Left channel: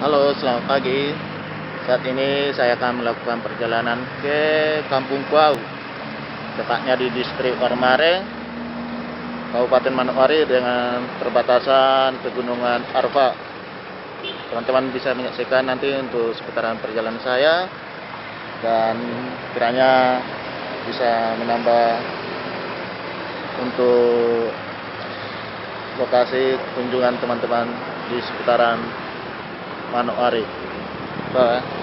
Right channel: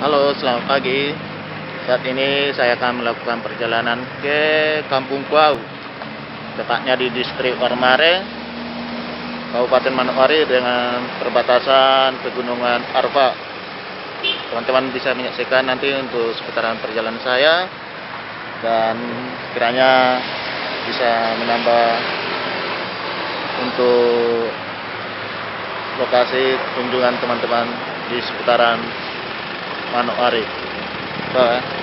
Halo, selamat pagi. Saat ini saya akan melakukan perjalanan ke Kampung Kuau, tepatnya di distrik Ormare, Kabupaten Manokwari dengan perbatasan Pegunungan Arfa. Teman-teman bisa menyaksikan nanti untuk seputaran perjalanan saya dan kiranya bisa menambah untuk lokasi kunjungan teman-teman di seputaran Manokwari. Bye.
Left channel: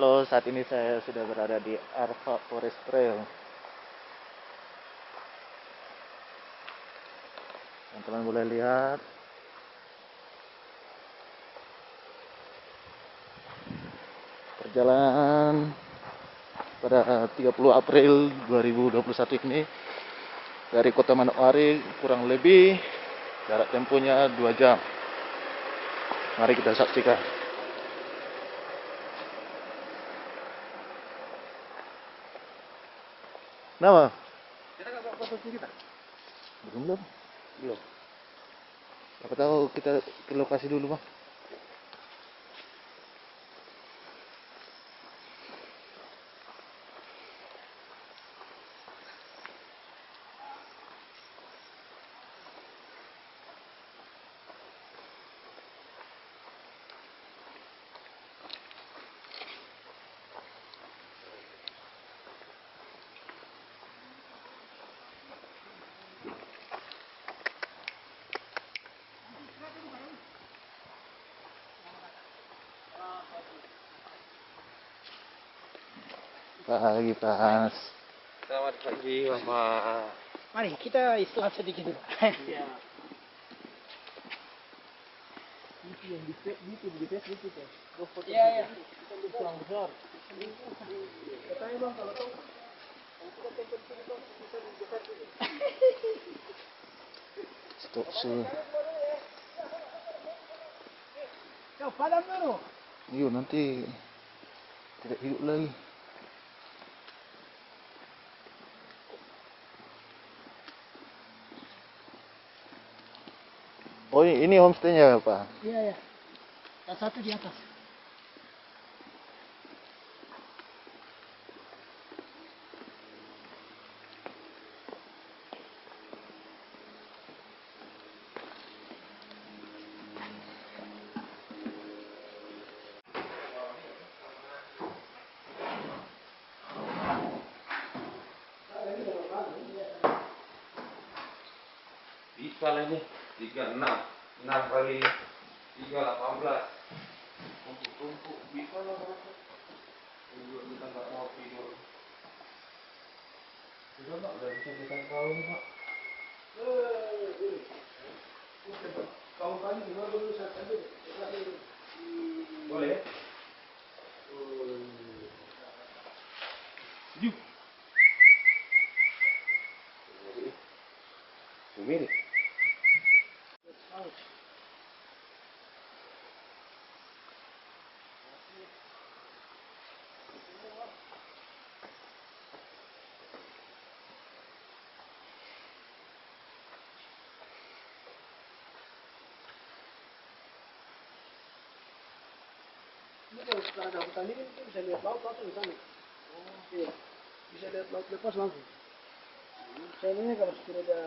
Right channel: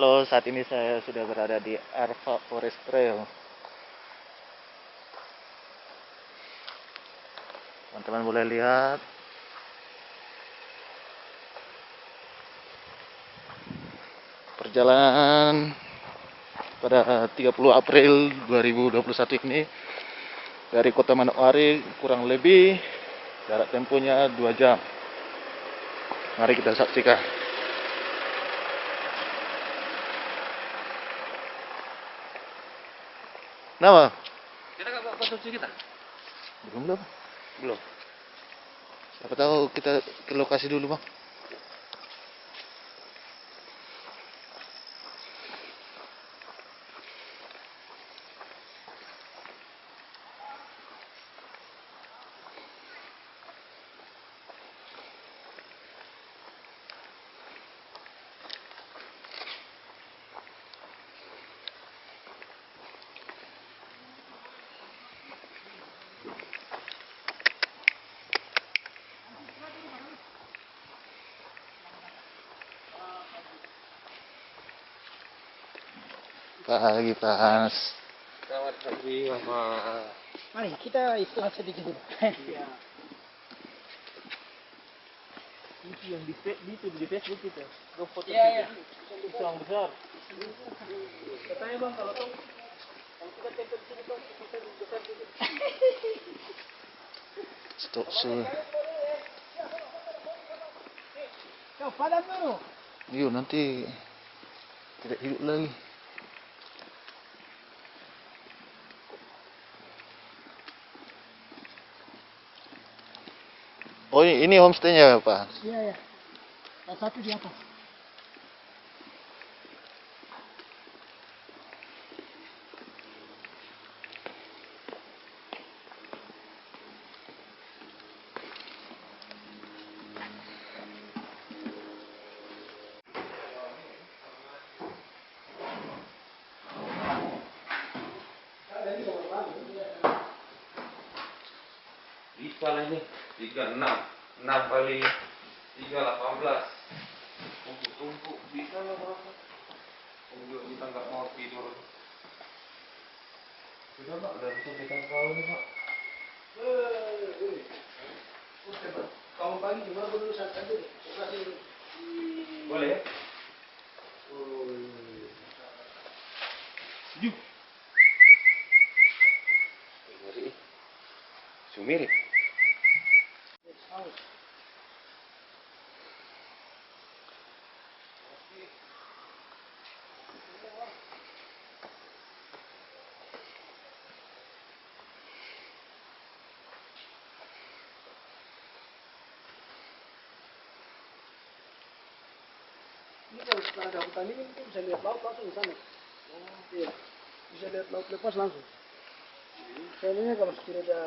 Halo, saat ini saya sudah berada di Arfa Forest Trail. Teman-teman boleh lihat perjalanan pada 30 April 2021 ini dari Kota Manokwari, kurang lebih jarak tempuhnya 2 jam. Mari kita saksikan. Nama? Kita nggak bawa konsumsi kita? Belum. Belum. Siapa tahu kita ke lokasi dulu, Bang. Pagi, Mas. Selamat pagi, Bapak. Mari kita istirahat sedikit dulu. Ya. Itu yang di Facebook itu. Lo foto Iya. itu yang besar. Katanya bang kalau kita tempel sini tuh bisa besar dulu. Stop. Kau padam dulu. Yuk, nanti tidak hidup lagi. Oh, ini homestay-nya, Pak. Iya. Yang satu di atas. Bisa lah ini. 36 kali 3 18. Tumpuk bisa lah Bapak. Kita nggak mau tidur. Sudah Pak, udah bisa kita tahu nih Pak. Kau pagi cuma dulu saat tadi. Boleh ya? Yuk. Ngeri. Sumir. Ini kalau setelah ada hutan ini kita bisa lihat laut langsung di sana. Oh iya. Bisa lihat laut lepas langsung. Saya ini kalau sudah ada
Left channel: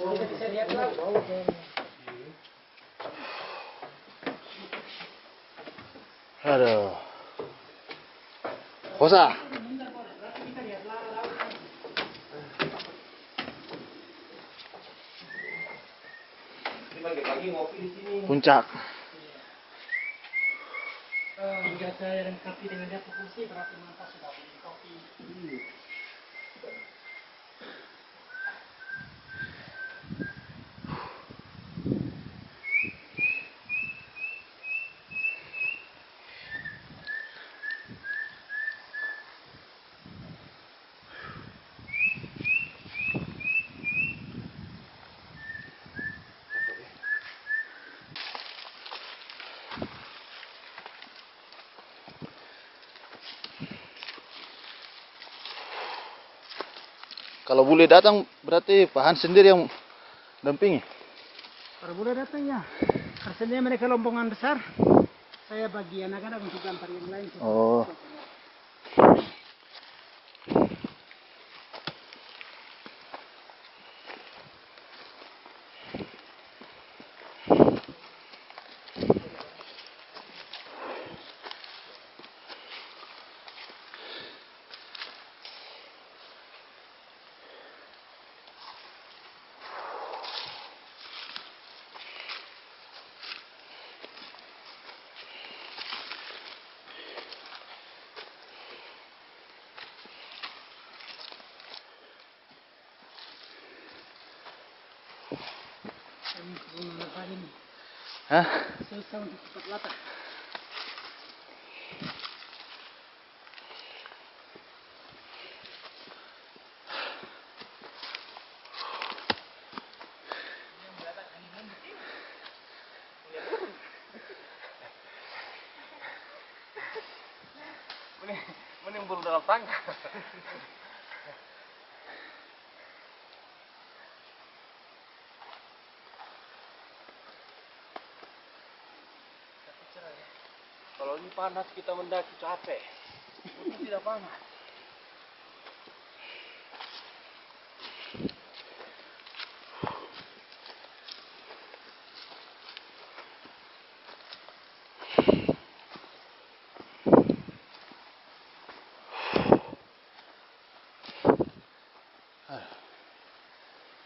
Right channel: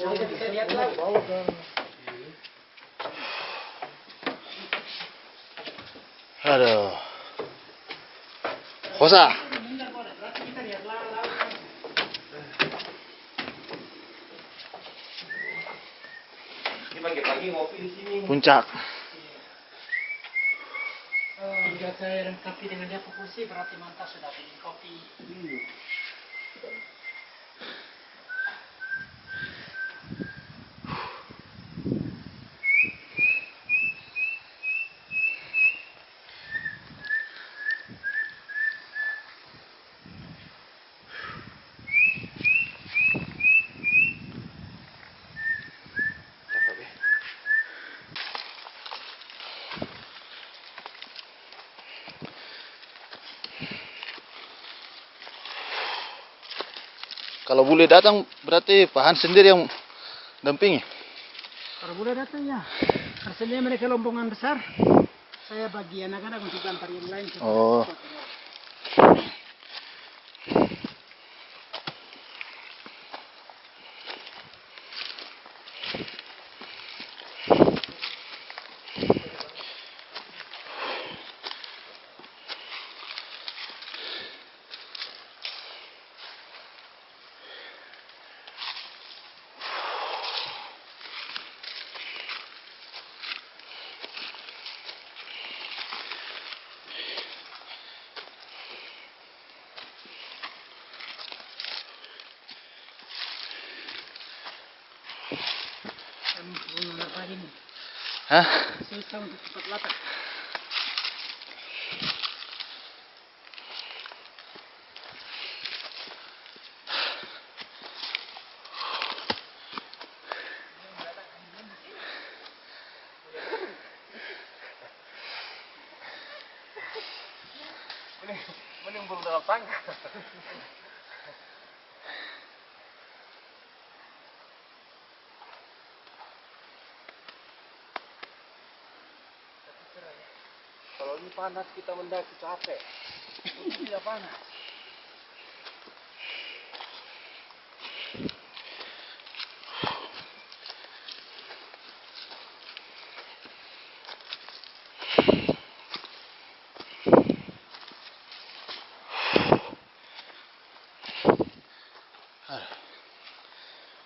saya bisa lihat laut. Aduh. Kosa. Berarti kita lihat laut. Ini pagi-pagi ngopi di sini. Puncak. Jika saya lengkapi dengan dia kursi berarti mantap sudah bikin kopi. Kalau boleh datang berarti Pak Han sendiri yang dampingi. Kalau boleh datang ya. Karena mereka lombongan besar. Saya bagi anak-anak untuk antar yang lain. Oh. Hah? Susah untuk cepat latah. Mending burung dalam tangga. Kalau ini panas kita mendaki capek. Itu tidak panas.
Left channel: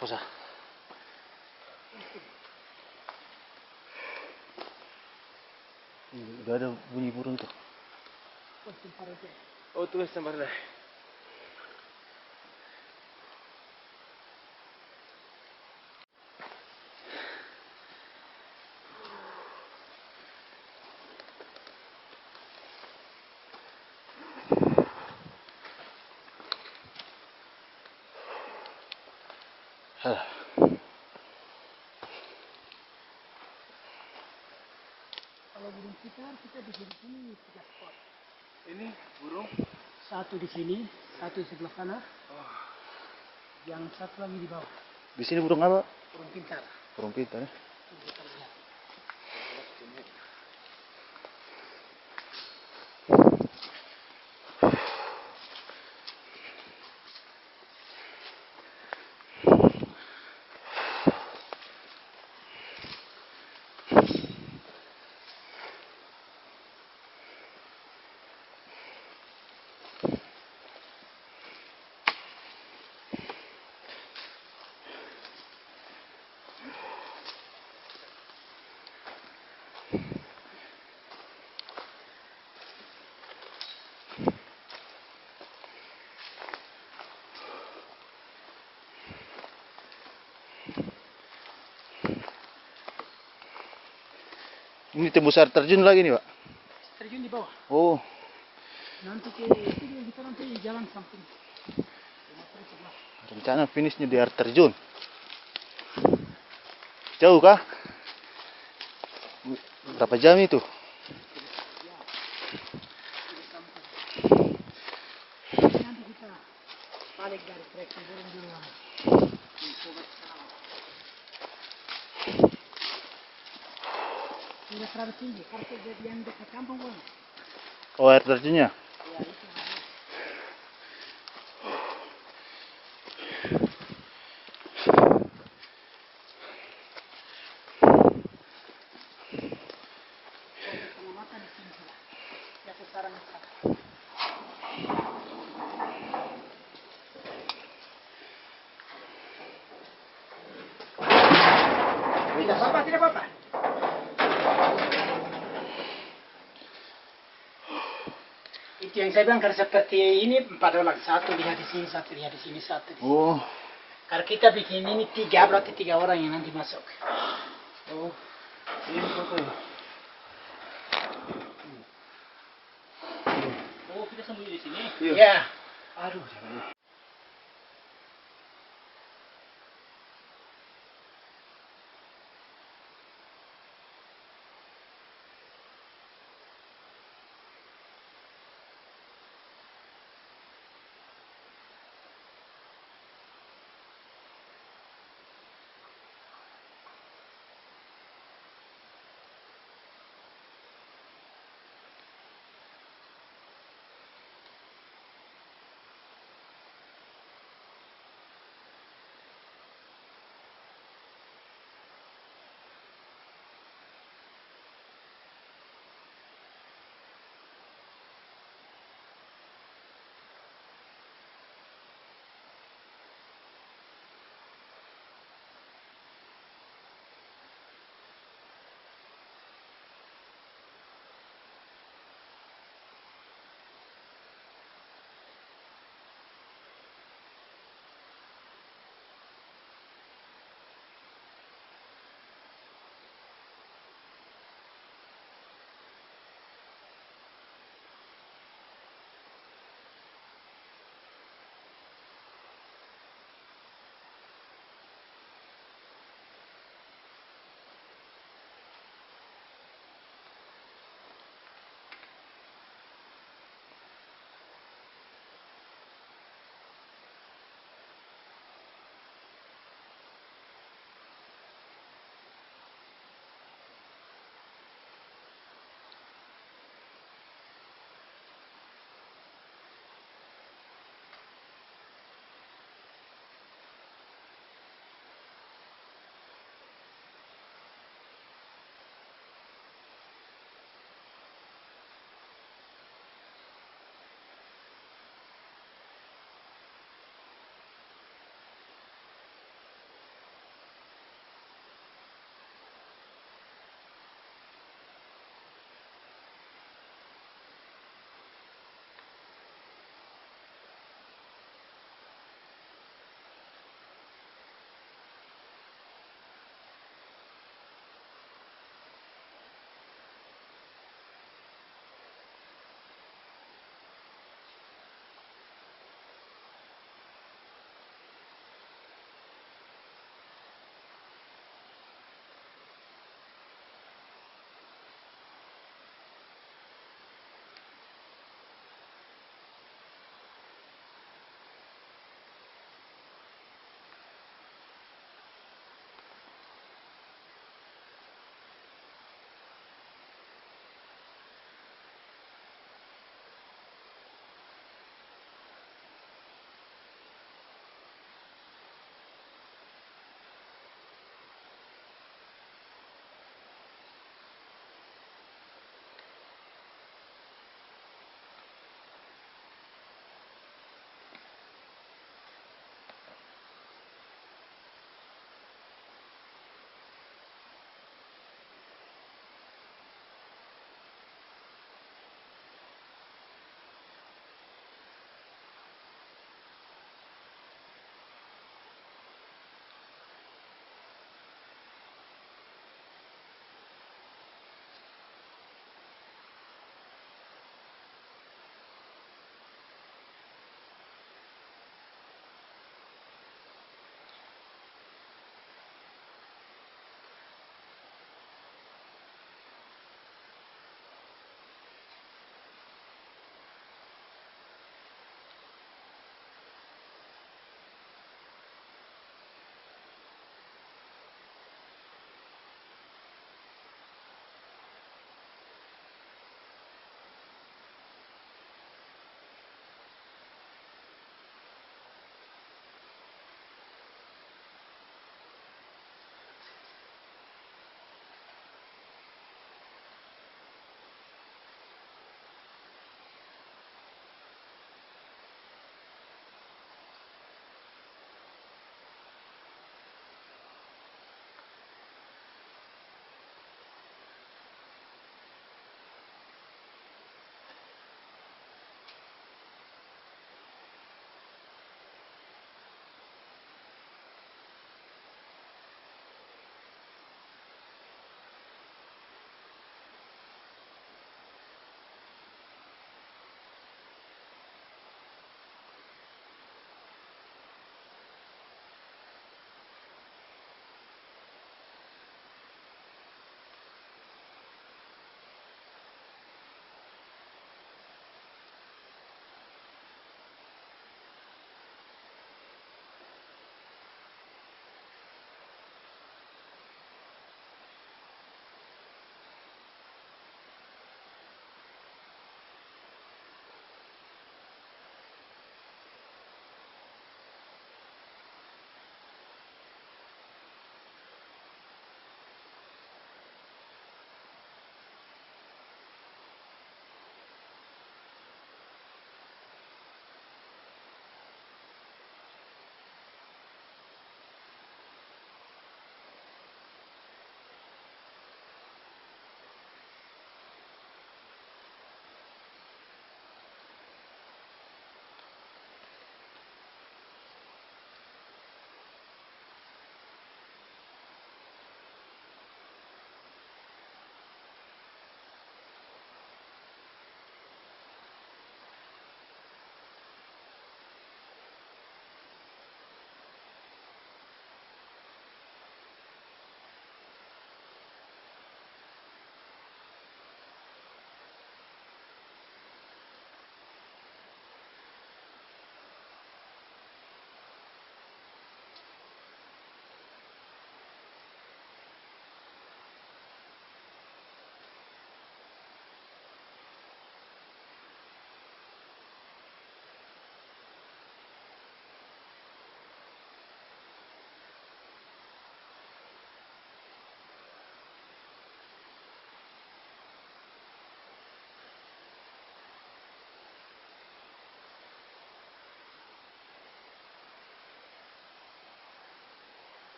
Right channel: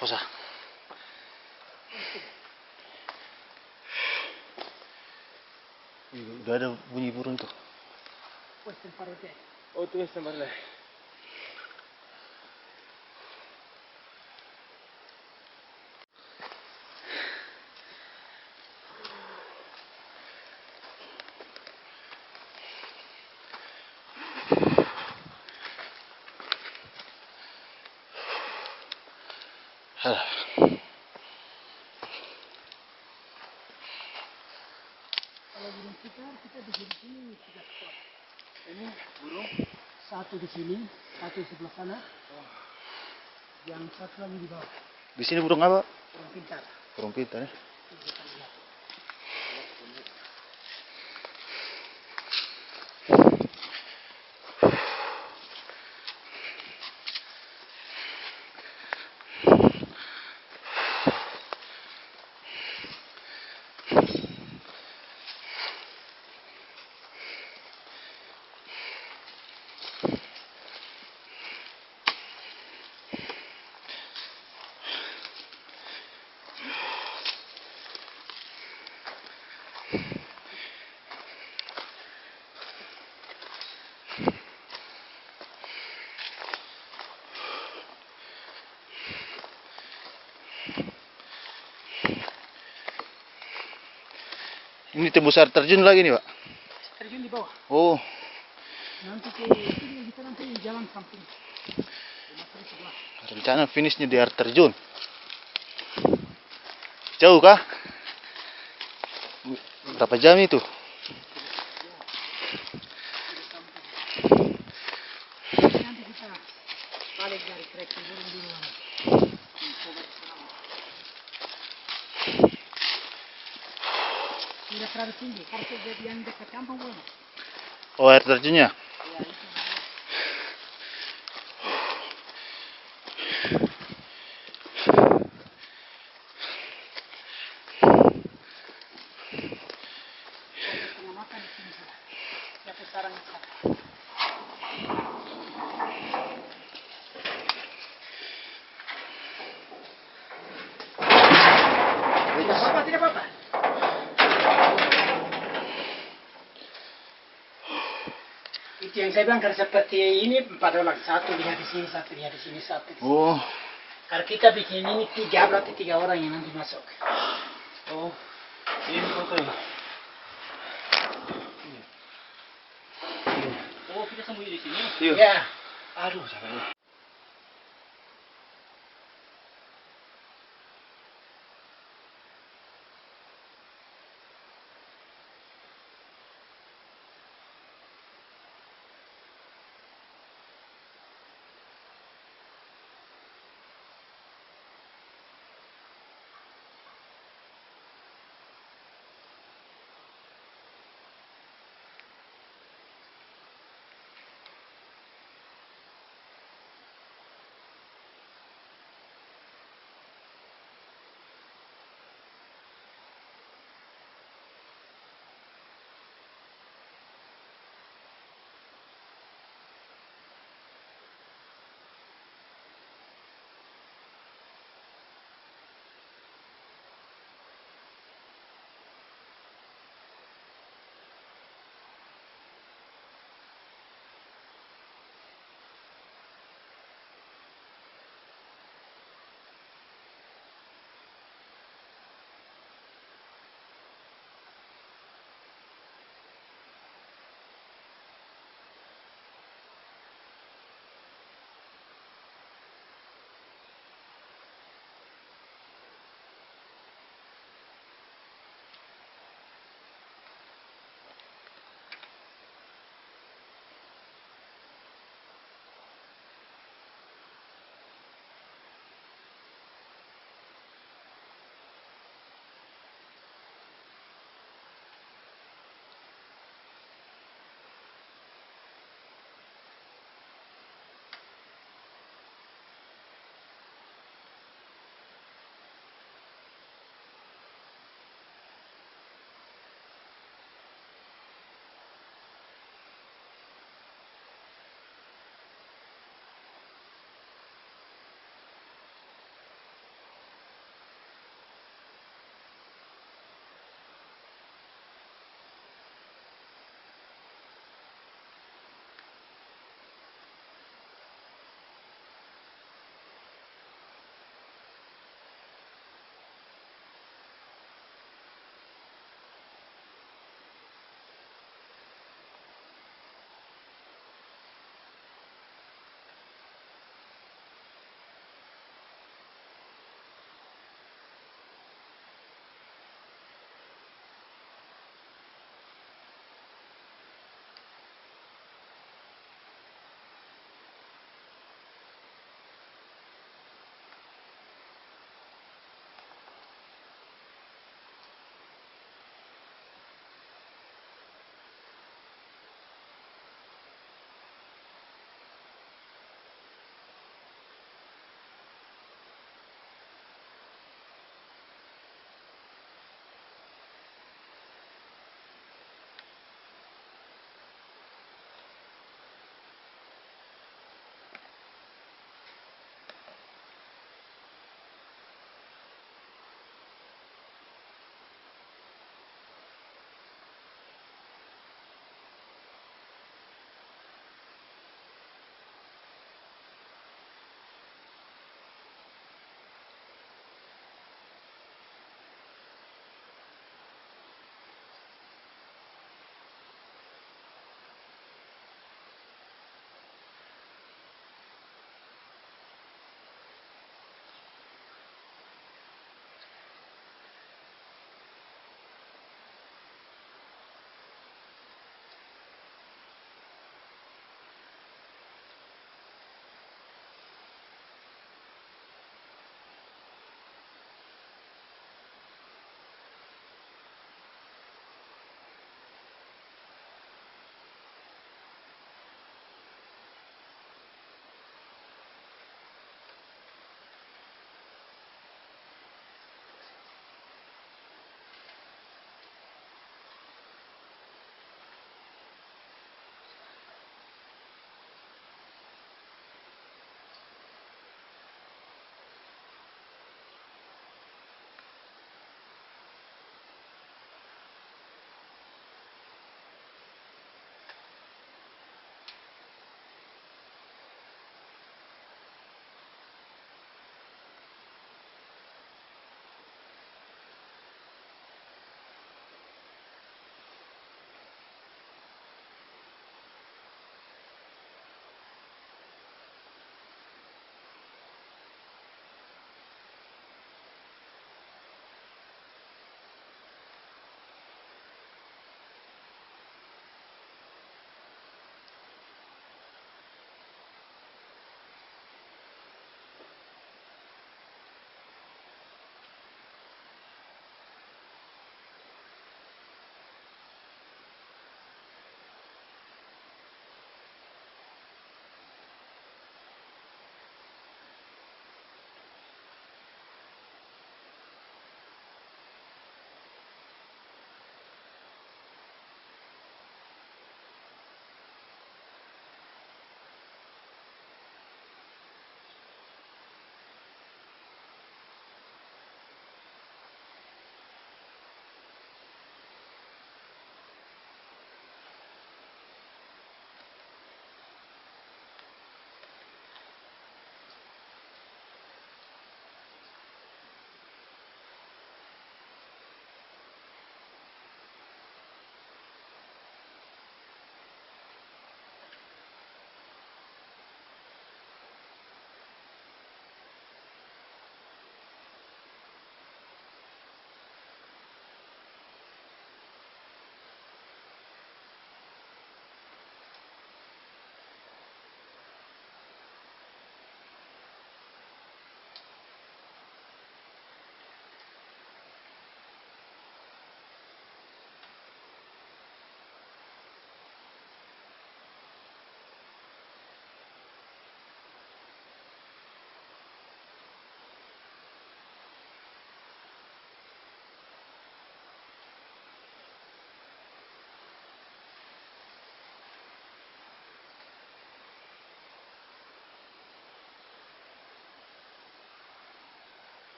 Kosa. Udah ada bunyi burung tuh. Oh, tuh sampai lah. Alah. Kalau burung kita di sini 3 spot. Ini burung. Satu di sini, satu di sebelah sana. Yang satu lagi di bawah. Di sini burung apa? Burung pintar. Burung pintar ya. Kita lihat. Ini tembus air terjun lagi nih, Pak. Terjun di bawah. Oh, Nanti ke sini kita nanti jalan samping. rencana finishnya di air terjun. Jauh kah? Berapa jam itu? Nanti kita balik dari trekking burung dulu. Coba sekarang. Tidak terlalu tinggi, karena jadi yang dekat kampung boleh. Oh, air terjunnya. Ya itu. Tengah mata di sini sudah. Ya pusaran di sana. Tidak apa-apa, tidak apa-apa. Itu yang saya bilang, kalau seperti ini 4 orang, satu lihat di sini, satu lihat di sini, satu di sini. Oh, Kalau kita bikin ini 3, berarti 3 orang yang nanti masuk. Oh, ini fotonya. Oh, kita sembunyi di sini. iya. Ya. Aduh, jangan.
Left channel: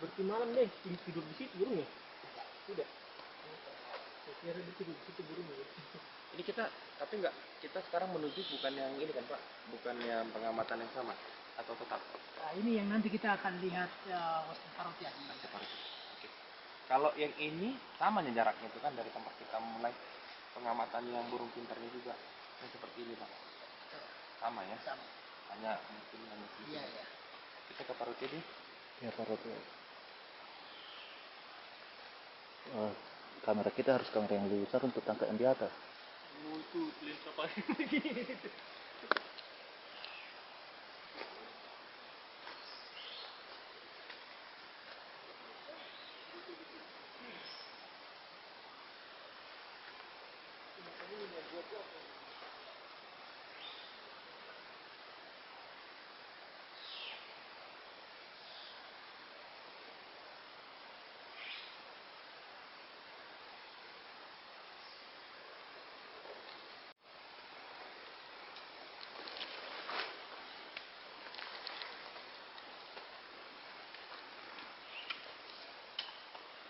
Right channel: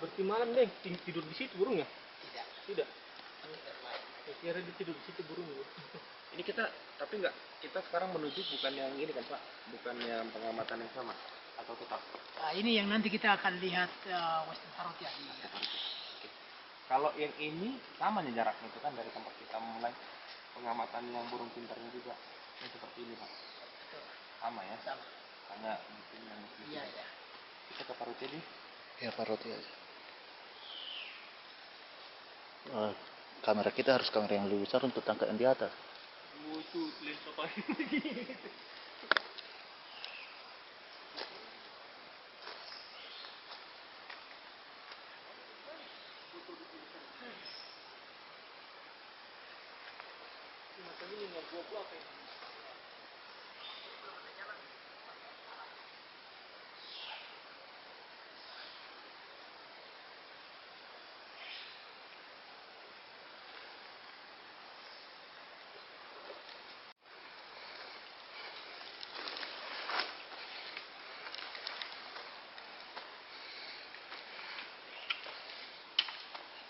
Berarti malam deh tidur di situ burung ya? Tidak. Tidak. Tidak lain. Saya kira dia tidur di situ burung. Ini kita tapi nggak kita sekarang menuju bukan yang ini kan Pak, bukan yang pengamatan yang sama atau tetap? Nah, ini yang nanti kita akan lihat Western Parrot ya. Oke. Kalau yang ini sama nih jaraknya itu kan dari tempat kita mulai pengamatan yang burung pintarnya juga yang seperti ini Pak. Betul. Sama ya? Sama. Hanya mungkin yang Iya, iya. kita ke Parut deh. Ya paroti aja. Kamera kita harus kamera yang lebih besar untuk tangkap yang di atas. Itu lensa Pak.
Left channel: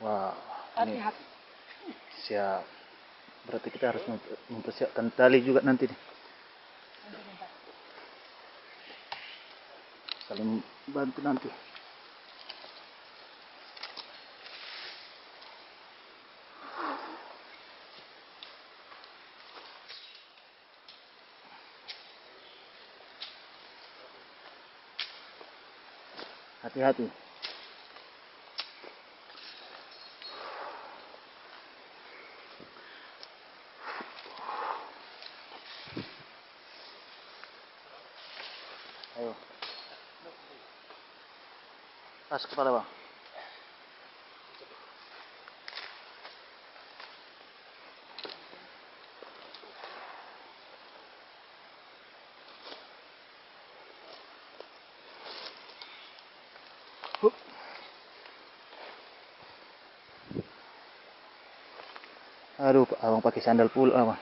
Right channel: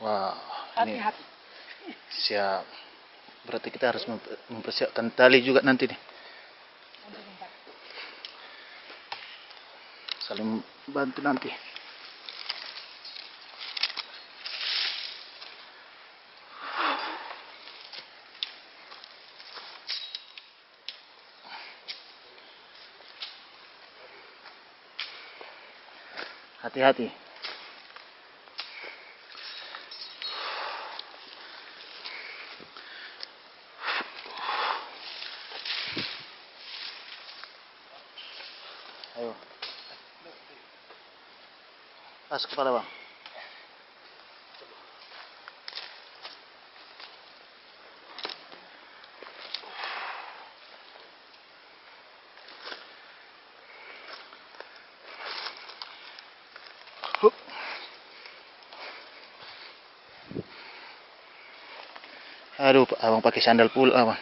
Wah, ini Hati-hati. siap. Berarti kita harus mempersiapkan tali juga nanti nih. Untuk bentar. Saling bantu nanti. Hati-hati. Ayo. Tas kepala bang. Hup. Aduh, abang pakai sandal pula abang.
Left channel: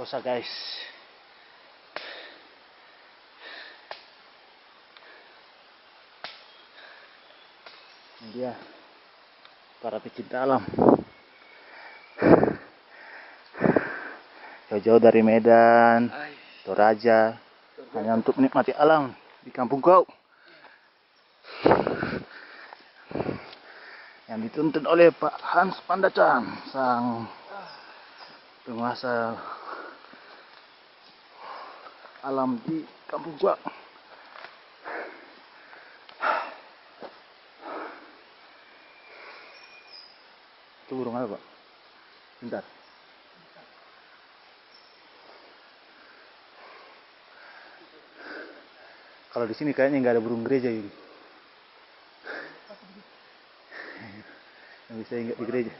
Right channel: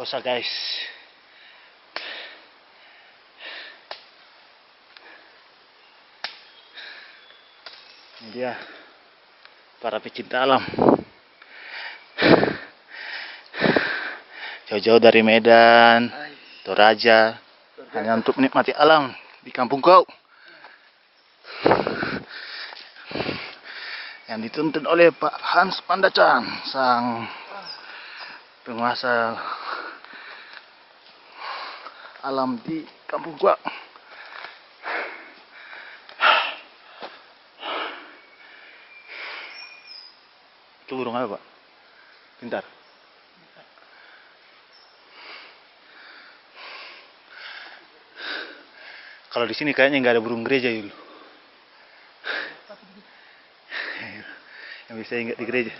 Usah guys. Ini dia para pecinta alam. Jauh-jauh dari Medan, Toraja, hanya untuk menikmati alam di kampung kau. yang dituntun oleh Pak Hans Pandacan, sang penguasa alam di Kampung Gua. Itu burung apa, Pak? Pintar. Kalau di sini kayaknya nggak ada burung gereja dulu. Yang bisa ingat di gereja.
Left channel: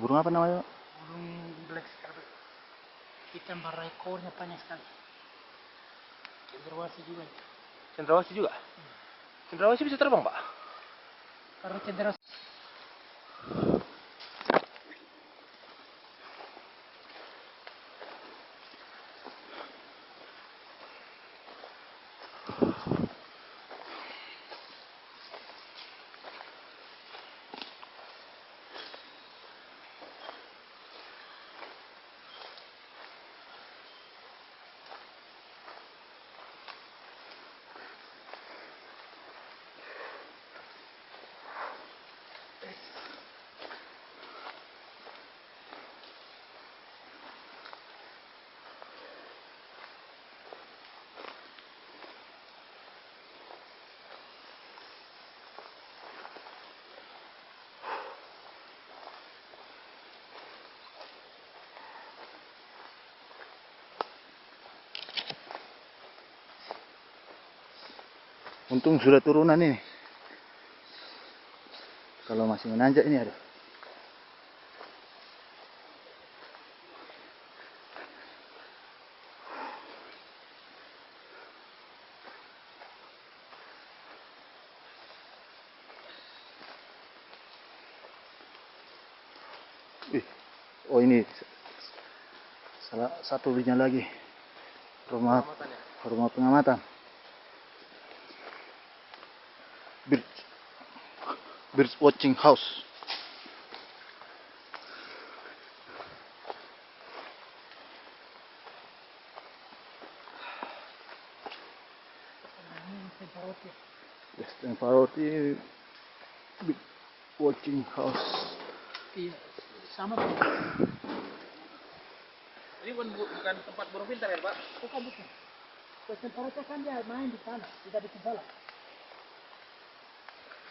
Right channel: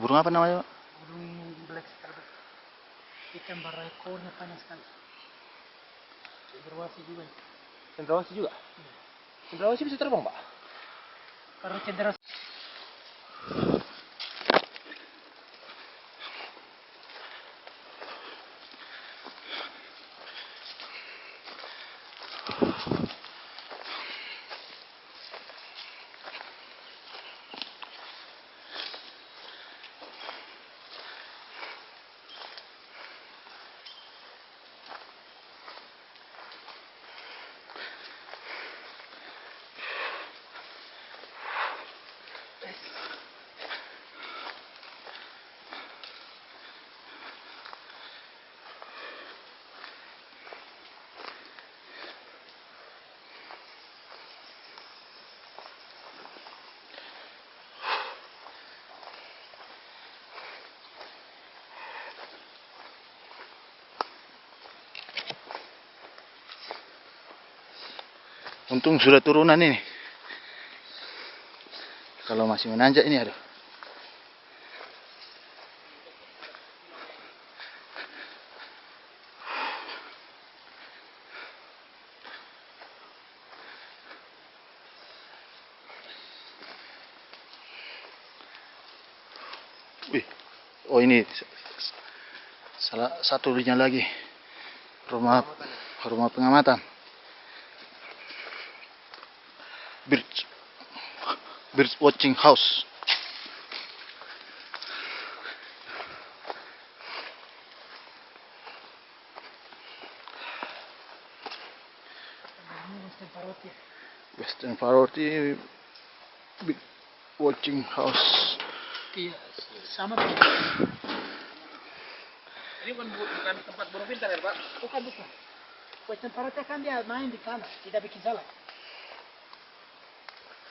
Burung apa namanya, Pak? Burung black scarlet. Ikan ekornya panjang sekali. Cendrawasih juga itu. Cendrawasih juga? Cendrawasih bisa terbang, Pak? Kalau cendrawasih Untung sudah turunan ini. Kalau masih menanjak ini ada. Wih. Oh ini salah satunya lagi. Rumah pengamatan. Birds watching house. Western Parroti bird watching house. iya sama. Ini bukan tempat burung pintar ya, Pak? Bukan. Western parrot kan dia main di tanah, tidak bikin salah.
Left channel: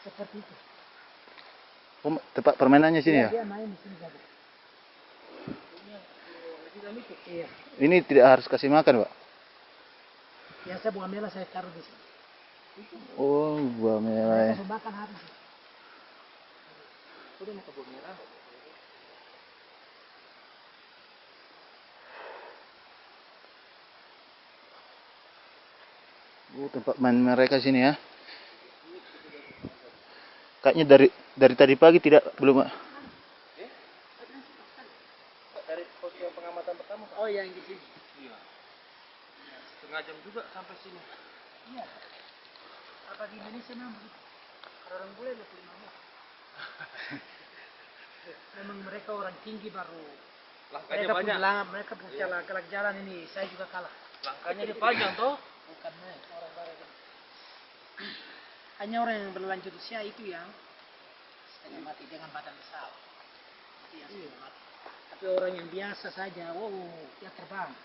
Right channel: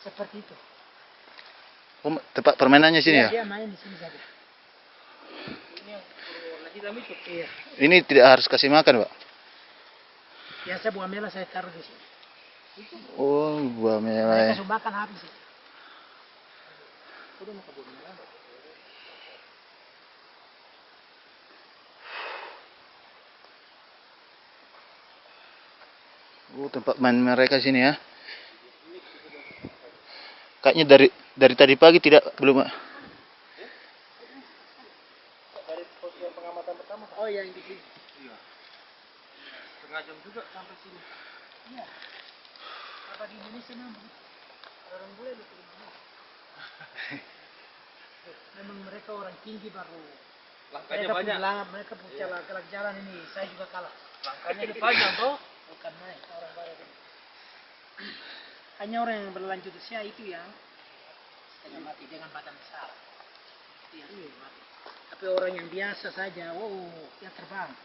Seperti itu. Oh, tempat permainannya sini ya? Dia main di sini saja. Ini yang burung warna hitam itu. Iya. Ini tidak harus kasih makan, Pak. Biasa buah merah saya taruh di sini. Oh, buah merah. Mereka makan habis. Udah mau ke burung merah. Oh, tempat main mereka sini ya. Kayaknya dari tadi pagi belum. Dari pos yang pengamatan pertama, Pak. Oh yang di sini. Iya. Setengah jam juga sampai sini. Iya. Apa di Indonesia memang begitu? Orang bule 25 menit. Memang mereka orang tinggi baru. Langkahnya Mereka banyak. Mereka punya galak jalan ini, saya juga kalah. Langkahnya ini panjang toh. Bukan main orang barat ini. Hanya orang yang berlanjut usia itu yang setengah mati dengan badan besar. Itu yang setengah mati. Tapi orang yang biasa saja, wow, dia terbang.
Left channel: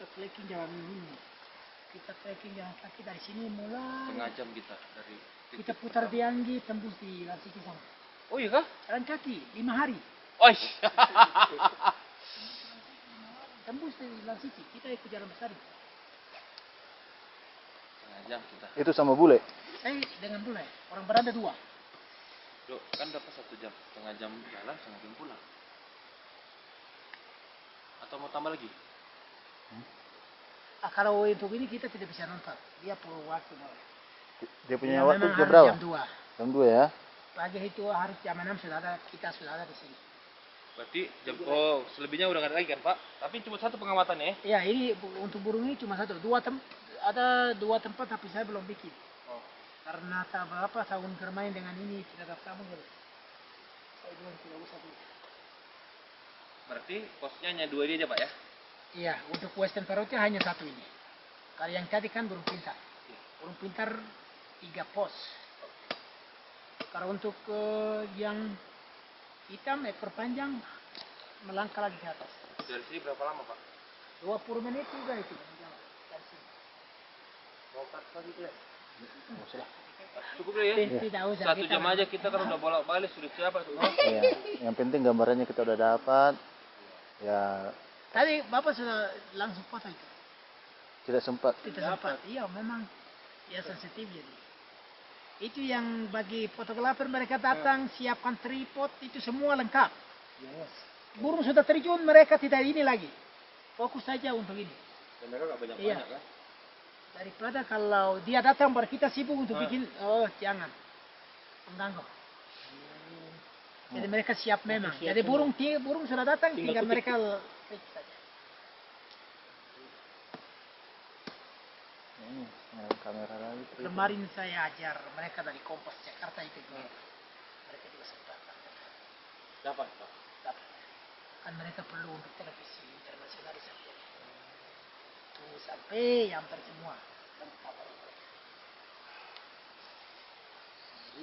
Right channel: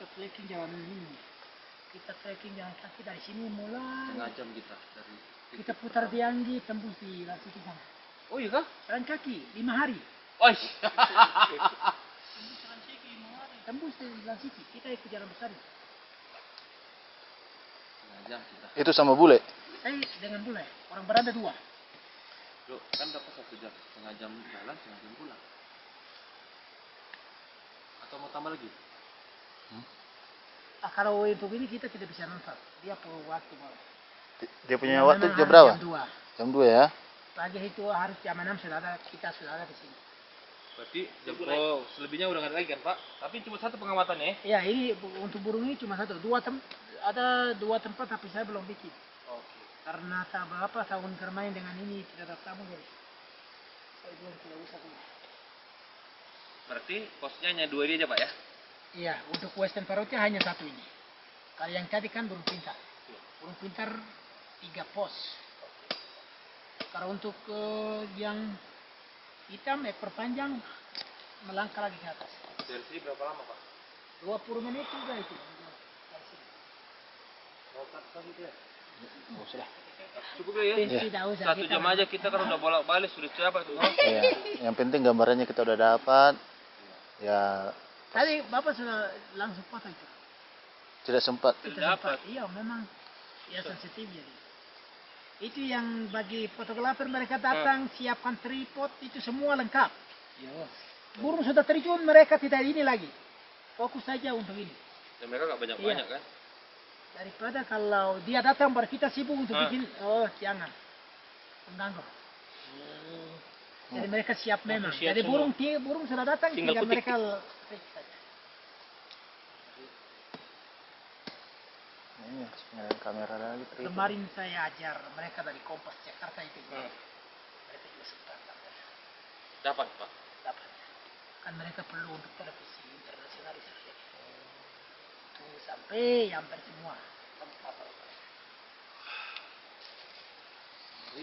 kita trekking jalan ini. Kita trekking jalan kaki dari sini mulai. Setengah jam kita dari Kita titik putar di pertama. Anggi, tembus di Lansiti sana. Oh iya kah? Jalan kaki 5 hari. Oh Tembus di Lansiti. Kita ikut jalan besar. setengah jam kita. Itu sama bule. Saya dengan bule. Orang beranda 2. Loh, kan dapat 1 jam, setengah jam jalan, setengah jam pulang. Atau mau tambah lagi? Kalau untuk ini kita tidak bisa nonton. Dia perlu waktu mulai. Dia punya Memang waktu harus jam berapa? Jam 2. Jam 2 ya. Pagi itu harus jam 6 kita sudah ada di sini. Berarti jam selebihnya udah nggak ada lagi kan Pak? Tapi cuma 1 pengamatannya. Ya ini untuk burung ini cuma 1. Ada 2 tempat tapi saya belum bikin. Oke. Karena tak berapa tahun bermain dengan ini tidak ada tamu jadi saya bilang tidak usah dulu. Berarti posnya hanya 2 dia aja Pak ya? Iya, untuk Western Parrotnya hanya 1 ini. Kalau yang tadi kan burung pintar. Iya. Burung pintar 3 pos. Kalau untuk yang hitam ekor panjang melangkah lagi ke atas. Dari sini berapa lama Pak? 20 menit juga itu jalan dari sini. Mau cut lagi ya? Oh, sudah. Cukup ya? Tidak usah. 1 jam aja kita kan udah bolak-balik sudah capek tuh. Iya. Yang penting gambarannya kita udah dapat. Ya, Tadi Bapak sudah langsung foto itu. tidak sempat. Kita sempat. Iya, memang ya sensitif jadi. Itu yang bagi fotografer mereka datang siapkan tripod itu semua lengkap. Iya Mas. Burung sudah terjun mereka tidak ini lagi. Fokus saja untuk ini. Dan mereka nggak banyak-banyak Iya. kan? Daripada kalau dia datang baru kita sibuk untuk bikin, jangan mengganggu. Jadi mereka siap memang. siap Jadi semua. burung sudah datang, Tinggal tinggal petik. mereka petik saja. Ini harus pengen kamera lagi. tripod. Kemarin saya ajar mereka dari Kompas Jakarta itu juga. Mereka juga sempat Dapat Pak. dapat. Kan mereka perlu untuk televisi internasional di sana jadi. Tunggu sampai hampir semua lengkap baru mereka.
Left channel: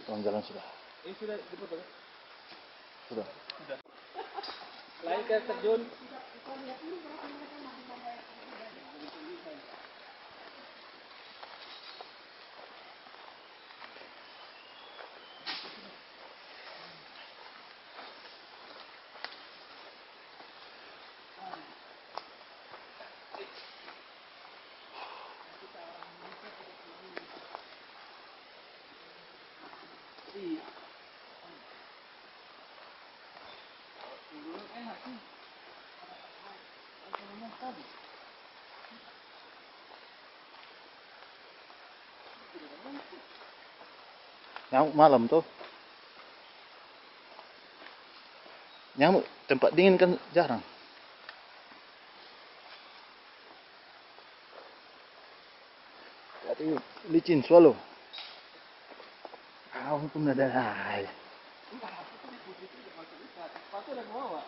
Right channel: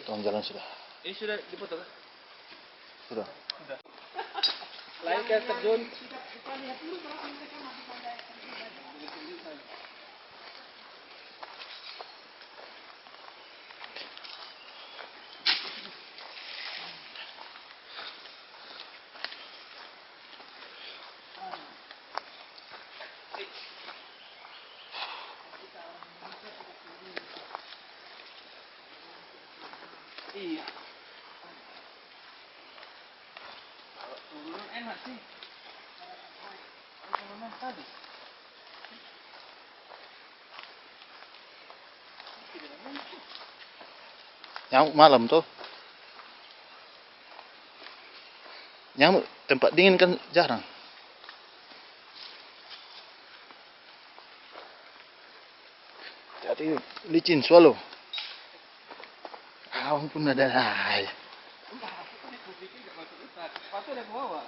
Tolong jalan sudah. Ini sudah dipoto kah? Sudah. Lain kayak terjun. Iya. Kalau turunan enak sih. Kalau mas tadi. Nyamuk malam tuh. Nyamuk tempat dingin kan jarang. Jadi licin swallow. Ampun ada air. Sepatu ada ke bawah.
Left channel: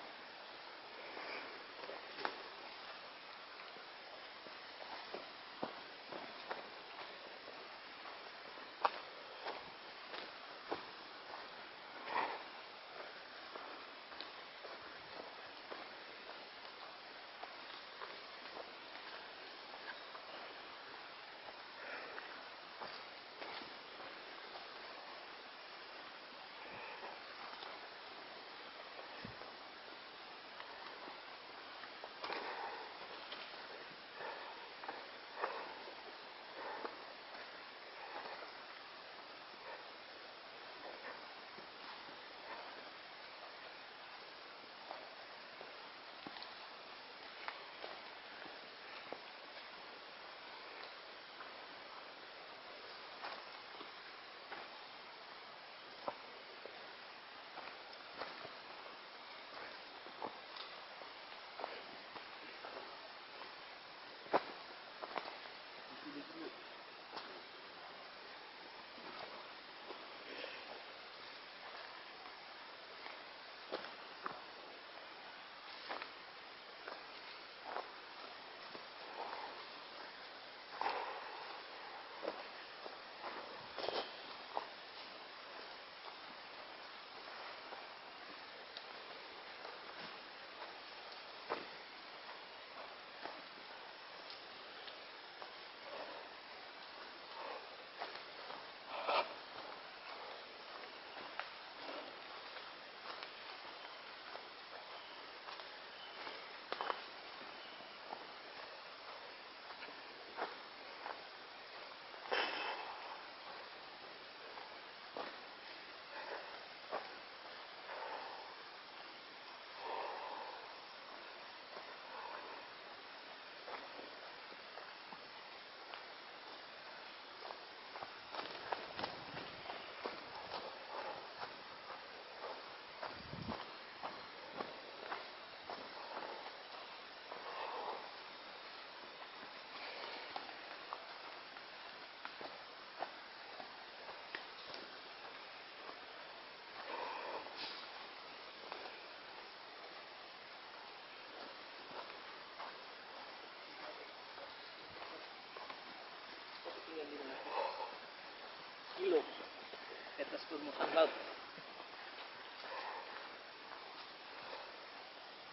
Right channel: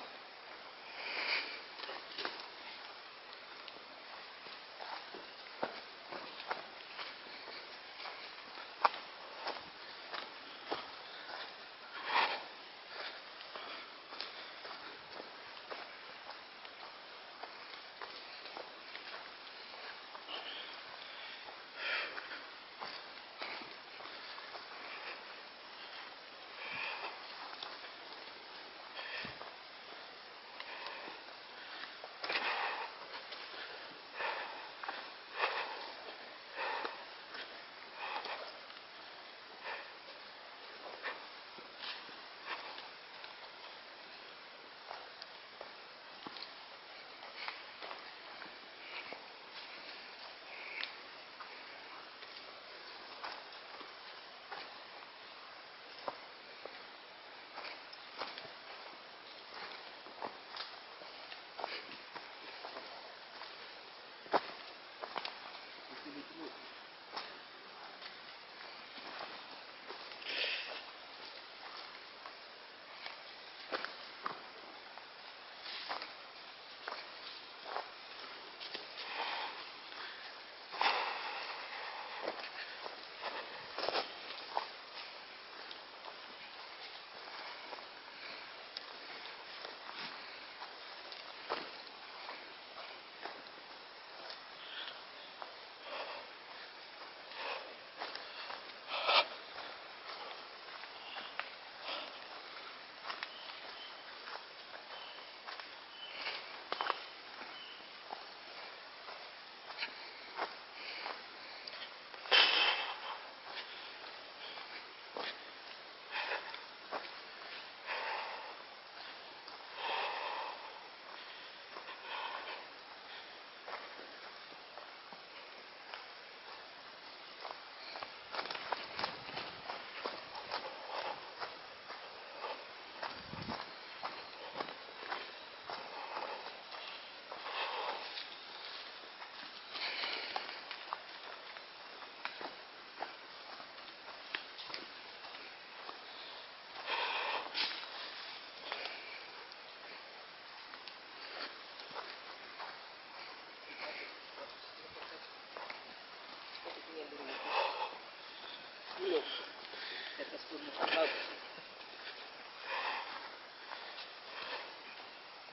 permukaan laut.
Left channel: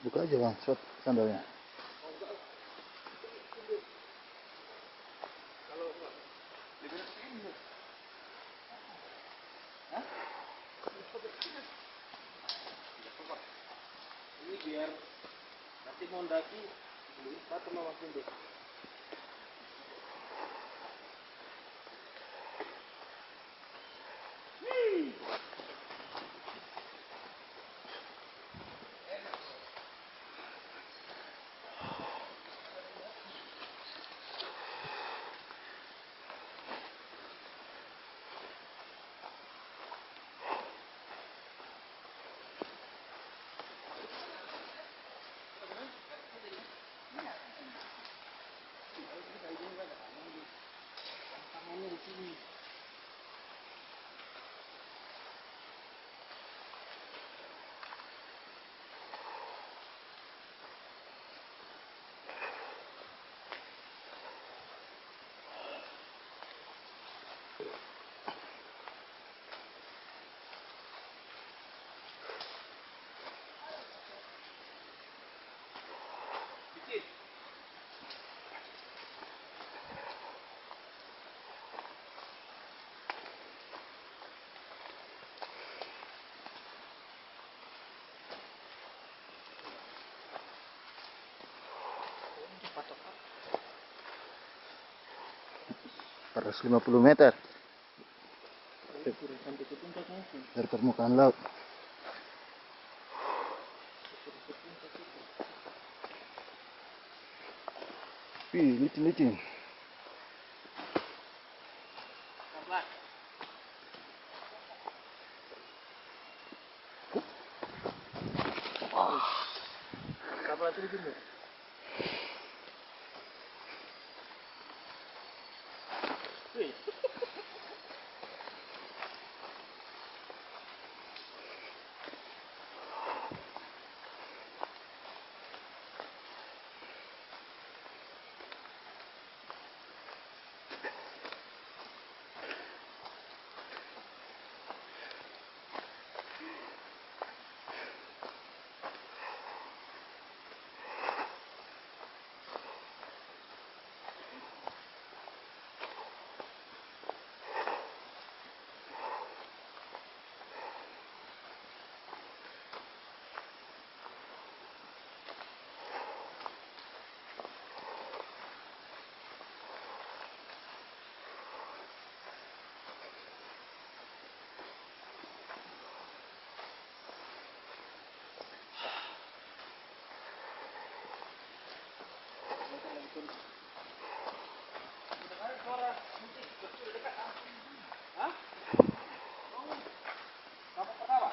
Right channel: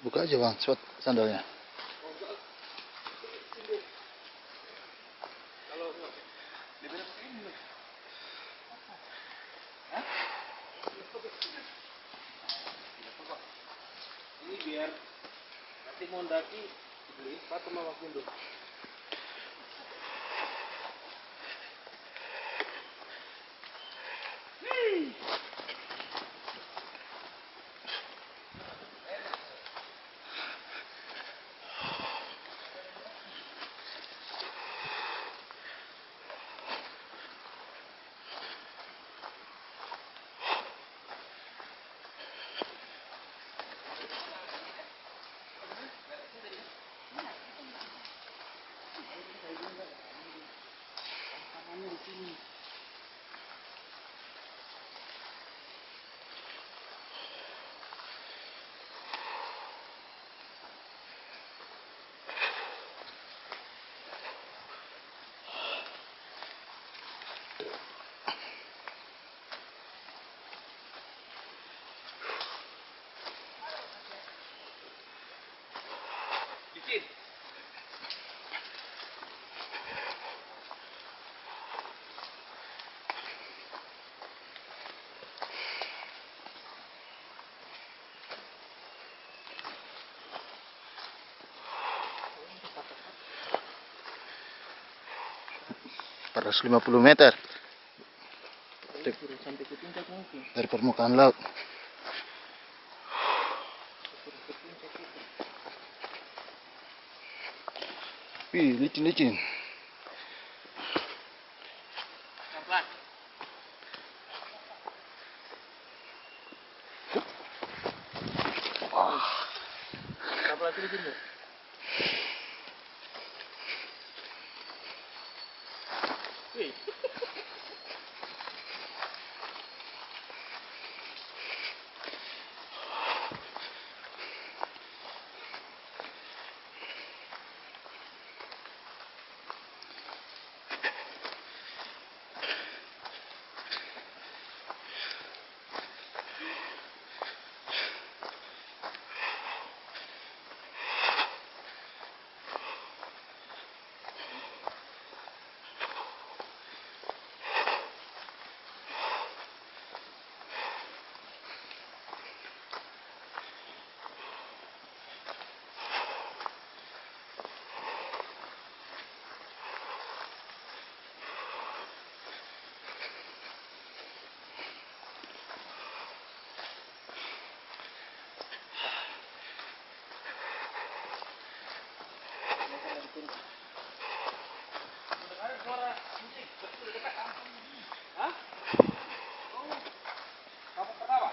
Buka aja bang, sandalnya. Oh enggak, sindir. Kalau enggak, lebih pakai ini loh. Hah? Tidak apa. Ini biar nanti mau mendaki dibeliin sepatu sama Mas Windu. Tangannya di sini. Licin. Patok-patok. 450 meter Turun sampai ke puncak mungkin. dari permukaan laut. Turun ke puncak itu. Wih, licin-licin. Pelan-pelan. Pelan-pelan sini sini. Wih. Mendengar suara musik betul dekat kampung ini. Hah? Oh, kamu pertama?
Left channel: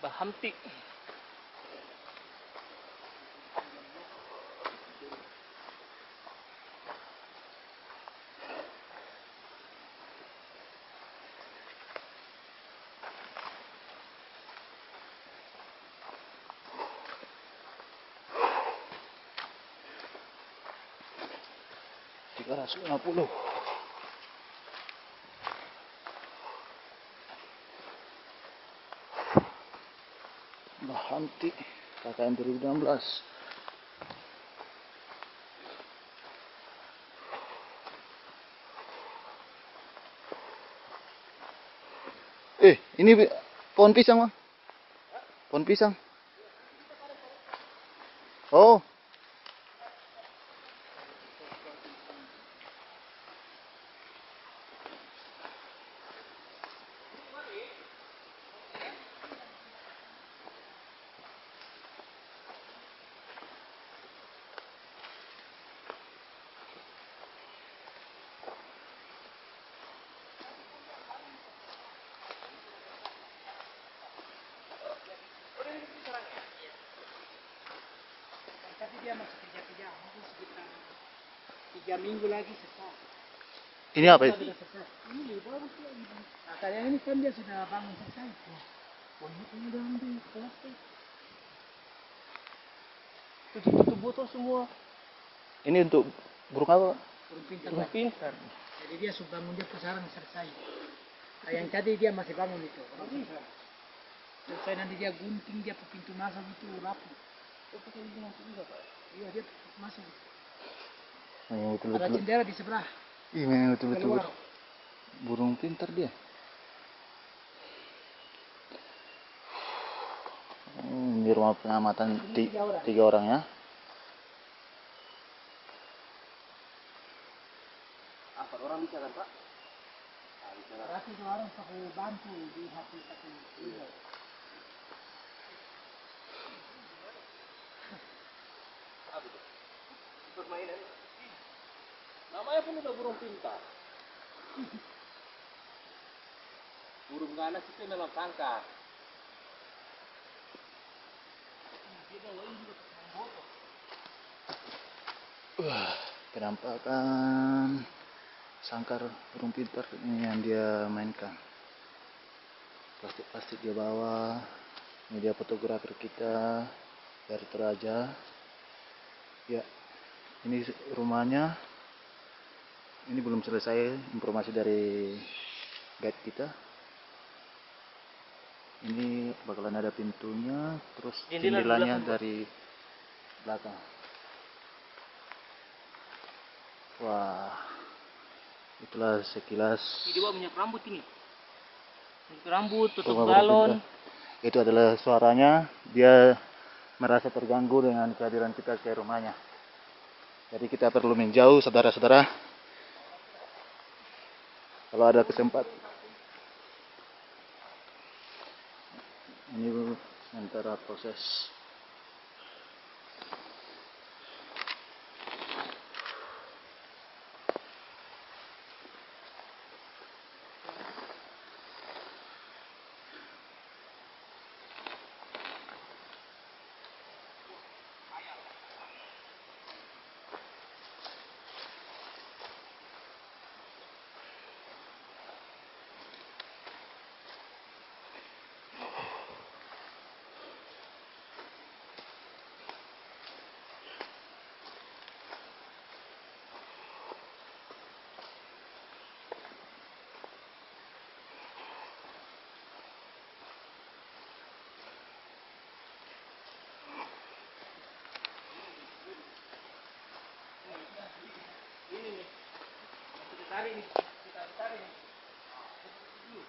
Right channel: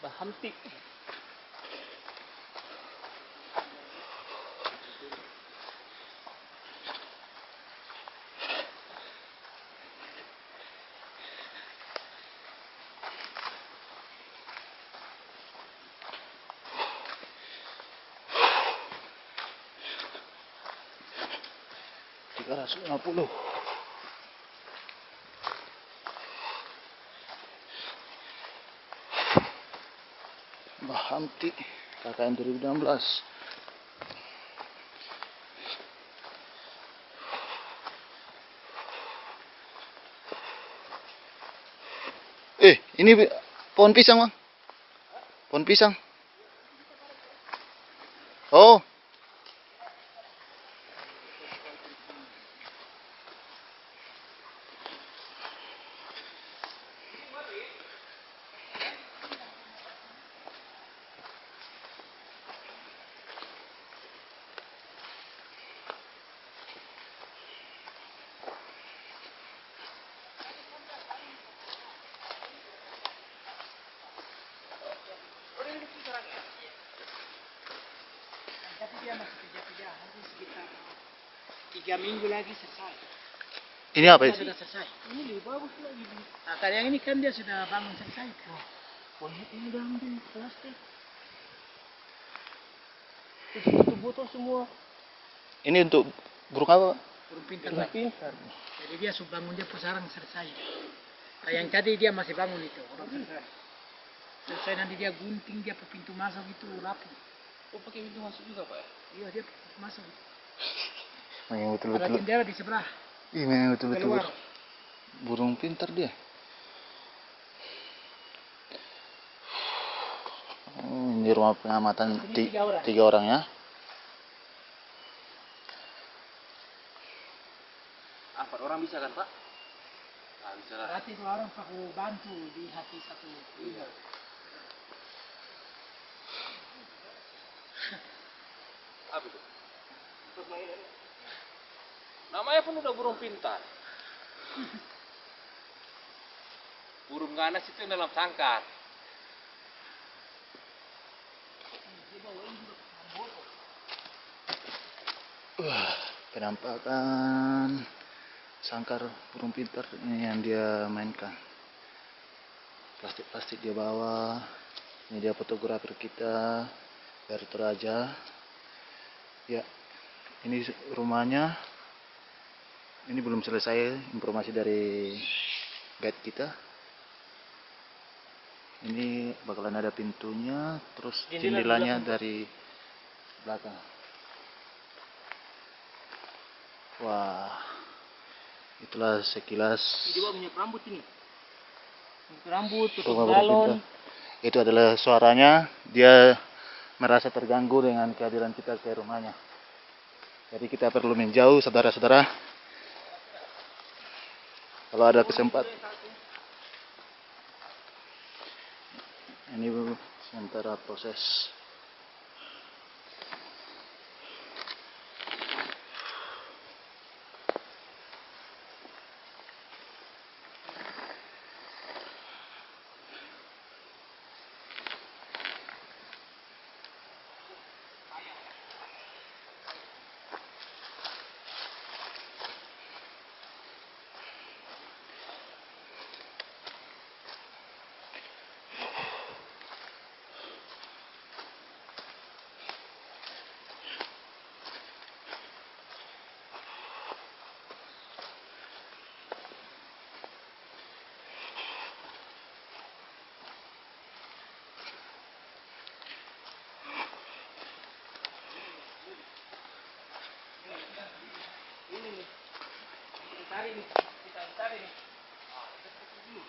Bahamti. Tiga 350. Bahamti KKN 2016. Ini pohon pisang, Bang. Pohon pisang. Oh, Oh, ini sarangnya. 3 minggu lagi selesai. Ini apa Kalau sih? sudah selesai. Ini lebih bagus lagi. Nah, kalau yang ini kan dia sudah bangun selesai. Wah, ini udah ambil plastik. Tutup botol semua. Ini untuk burung apa? Burung pintar Udah lagi. pintar. Jadi dia sudah bangun dia sarang selesai. Nah, yang tadi dia masih bangun itu, orang selesai. Selesai nanti dia gunting dia pintu masuk itu rapi. Oh, pakai pintu masuk juga, Pak? Iya dia pintu masuk. Memang Ada betul-betul. jendela di sebelah. Ih, memang betul-betul Keluar. burung pintar dia. Oh, ini rumah pengamatan Ini 3 orang. 3 orang ya. 4 orang bisa kan, Pak? Ah, bisa lah. Berarti 2 orang aku bantu di hati satu. Iya. Apa itu? Permainan. Namanya pun udah burung pintar. Burung ganas itu yang dalam sangkar. Dia bawa ini juga ke botol. Penampakan sangkar burung pintar ini yang dia mainkan. Plastik-plastik dia bawa. Ini dia fotografer kita dari Toraja. Ya, ini rumahnya. Ini belum selesai informasi dari guide kita. Ini bakalan ada pintunya, terus Jendela jendelanya di belakang, dari belakang. Wah, itulah sekilas Dia bawa minyak rambut ini. Minyak rambut, tutup rumah burung galon. pintar. Itu adalah suaranya. Dia merasa terganggu dengan kehadiran kita ke rumahnya. Jadi kita perlu menjauh, saudara-saudara. Kalau ada kesempatan. Ini sementara proses. Tarik nih, kita tarik nih. Seperti dulu.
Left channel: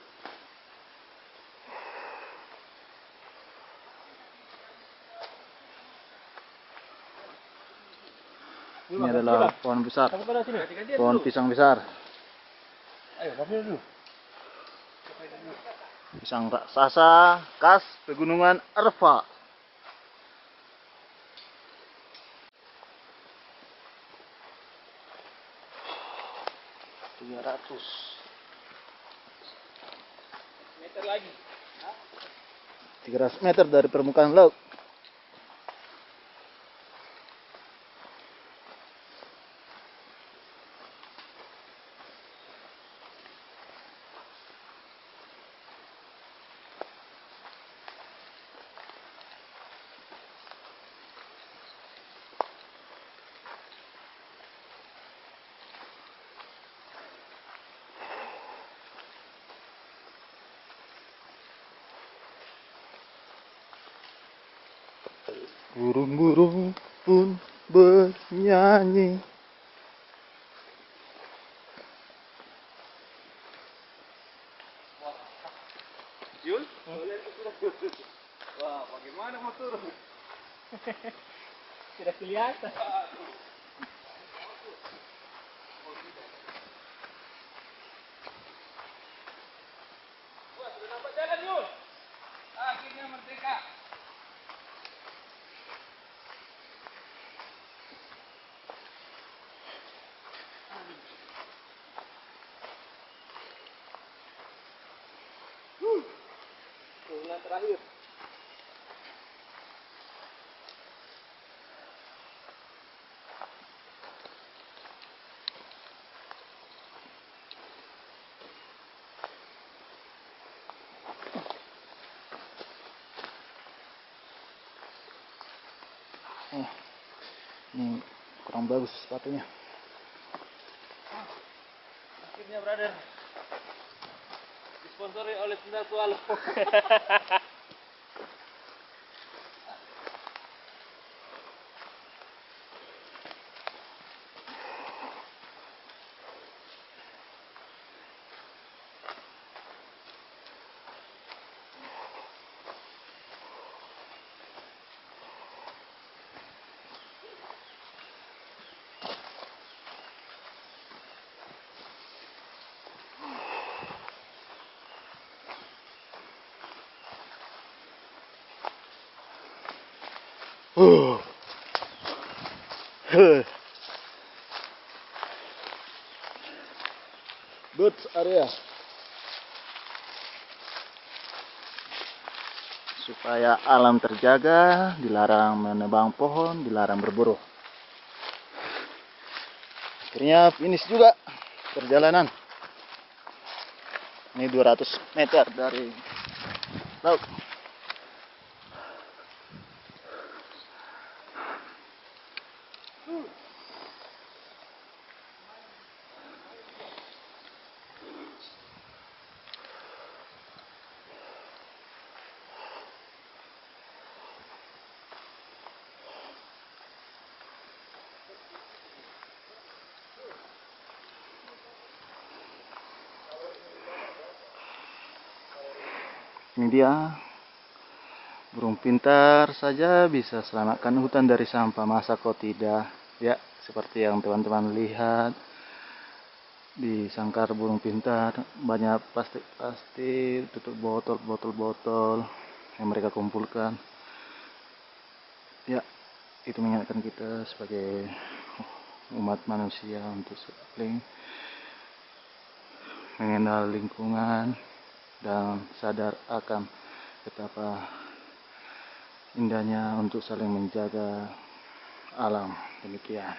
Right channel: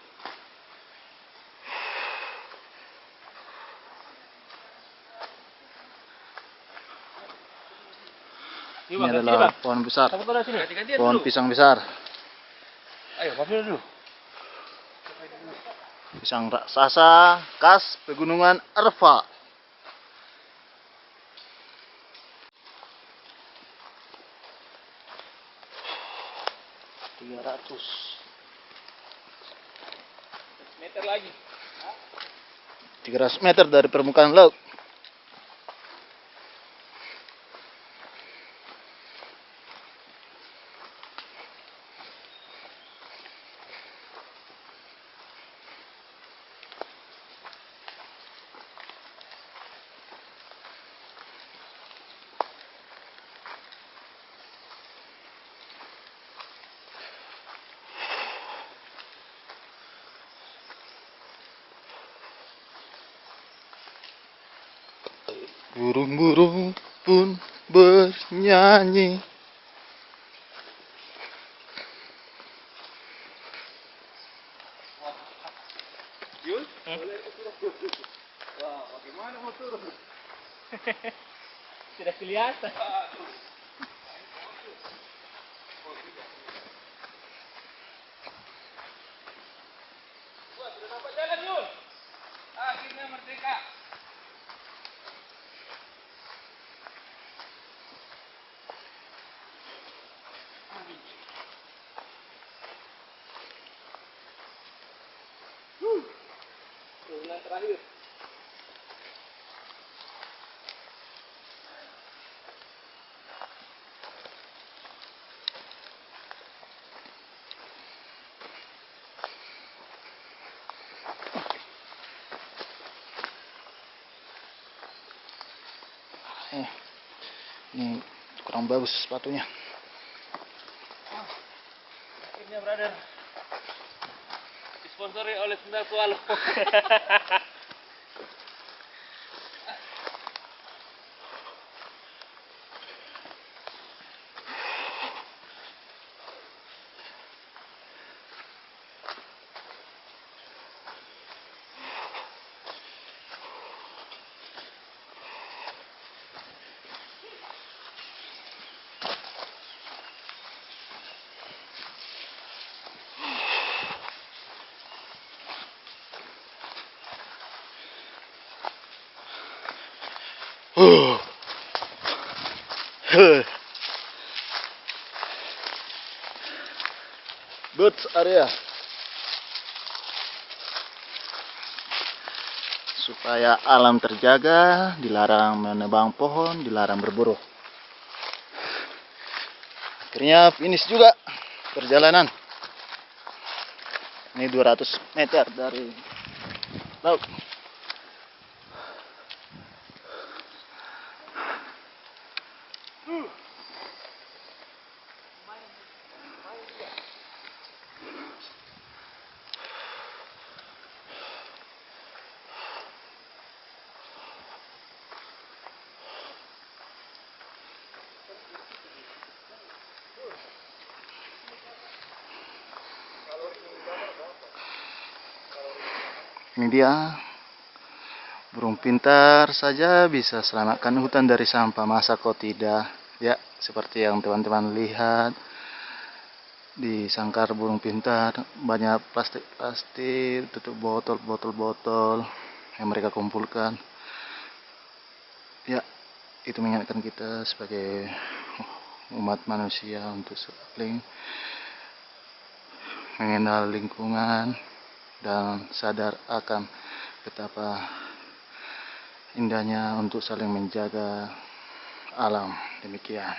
Ini adalah pohon besar, Kamu kalau sini. Ganti-gantian pohon dulu. pisang besar, Ayo, pakai dulu. pisang raksasa khas pegunungan Arfa. Meter lagi. 300 meter dari permukaan laut. Burung-burung pun bernyanyi. Yul? Wah, bagaimana mau turun? Tidak kelihatan. Wah, sudah dapat jalan, Yul. Akhirnya merdeka. Turunan terakhir. Ini kurang bagus sepatunya. Akhirnya brother disponsori oleh Sendal Swallow. Boots area. Supaya alam terjaga, dilarang menebang pohon, dilarang berburu. Akhirnya finish juga perjalanan. Ini 200 meter dari laut. Ini dia, burung pintar saja bisa selamatkan hutan dari sampah, masa kok tidak? Ya, seperti yang teman-teman lihat di sangkar burung pintar, banyak plastik-plastik, tutup botol yang mereka kumpulkan. Ya, itu mengingatkan kita sebagai umat manusia untuk saling mengenal lingkungan dan sadar akan betapa indahnya untuk saling menjaga alam. Demikian.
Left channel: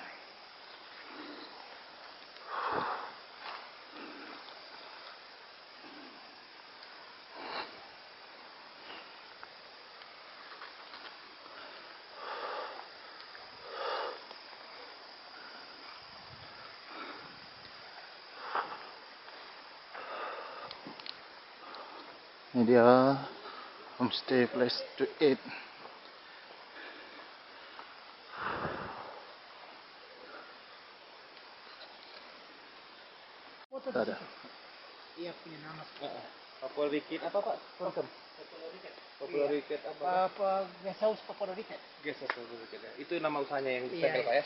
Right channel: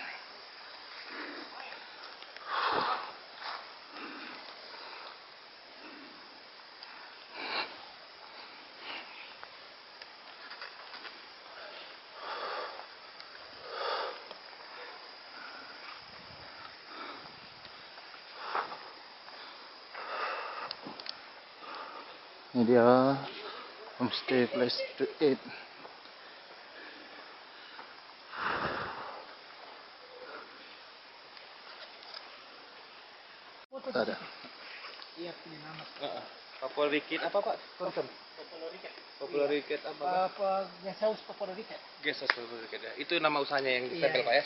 Ini dia homestay place to eat. Ada. Iya punya nama. Papua Ricket apa Pak? Turism. Papua Ricket apa? Apa Guest House Papua Ricket. Gesos Papua Ricket ya. Itu nama usahanya yang Iya, ditempel Pak ya?